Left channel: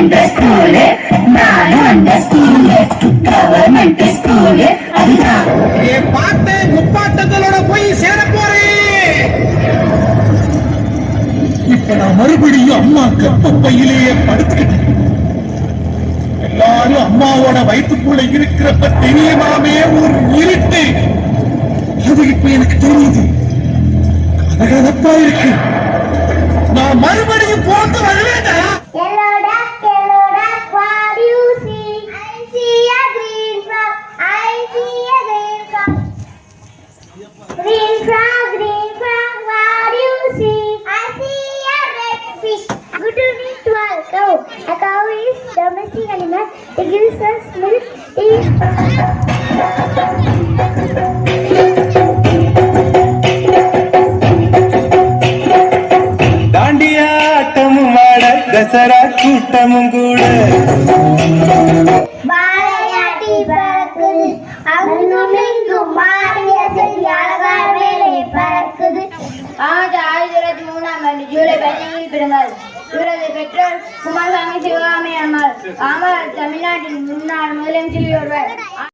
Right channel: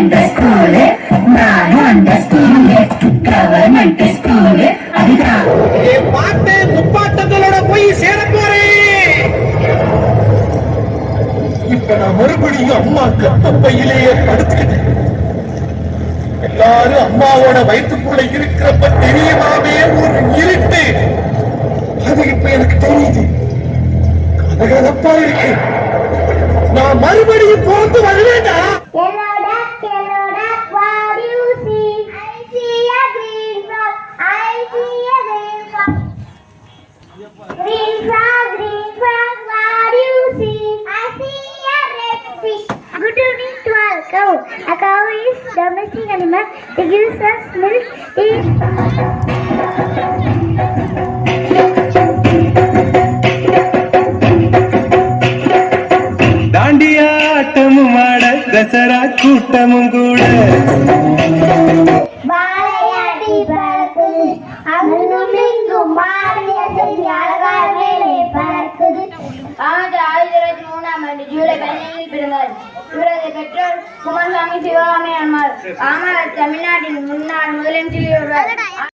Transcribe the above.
என்ற ஸ்கூலு நானும் அந்த ஸ்கூலு கவர்மெண்ட் ஸ்கூலு அதுதான். என் பாட்டை முப்பாட்டங்களோட போய் சேர போறேன் இப்ப நான் மறுபடியும் அம்மா கப்பப்பையிலேயே படுத்துக்கிட்டேன். எல்லாரும் அம்மாவோட வயிற்றுக்குள்ள இருக்கிறப்ப தெரியுமாமே ஒரு இருட்டு. அது இப்ப எனக்கு தெரியுது. கதகதப்பா இருக்கு. நான் மறுபடியும் போட்டு வருவேண்டா a red fish. Good evening to our cow. A cow is domestic animal. It gives us milk. தாண்டியாட்டமும் ஆட தசரா கூட்டமும் கூட ஆண்டு ஆயிரத்தி இருபத்தி மூணாம் ஆண்டு ஜூலை பதினைந்தில் பிறந்தார். இவரது பெற்றோர் குமாரசாமி சிவகாமி அம்மாள் அம்மாள் தமிழ்நாட்டின் முன்னாள் முதலமைச்சர் ஒருவர்.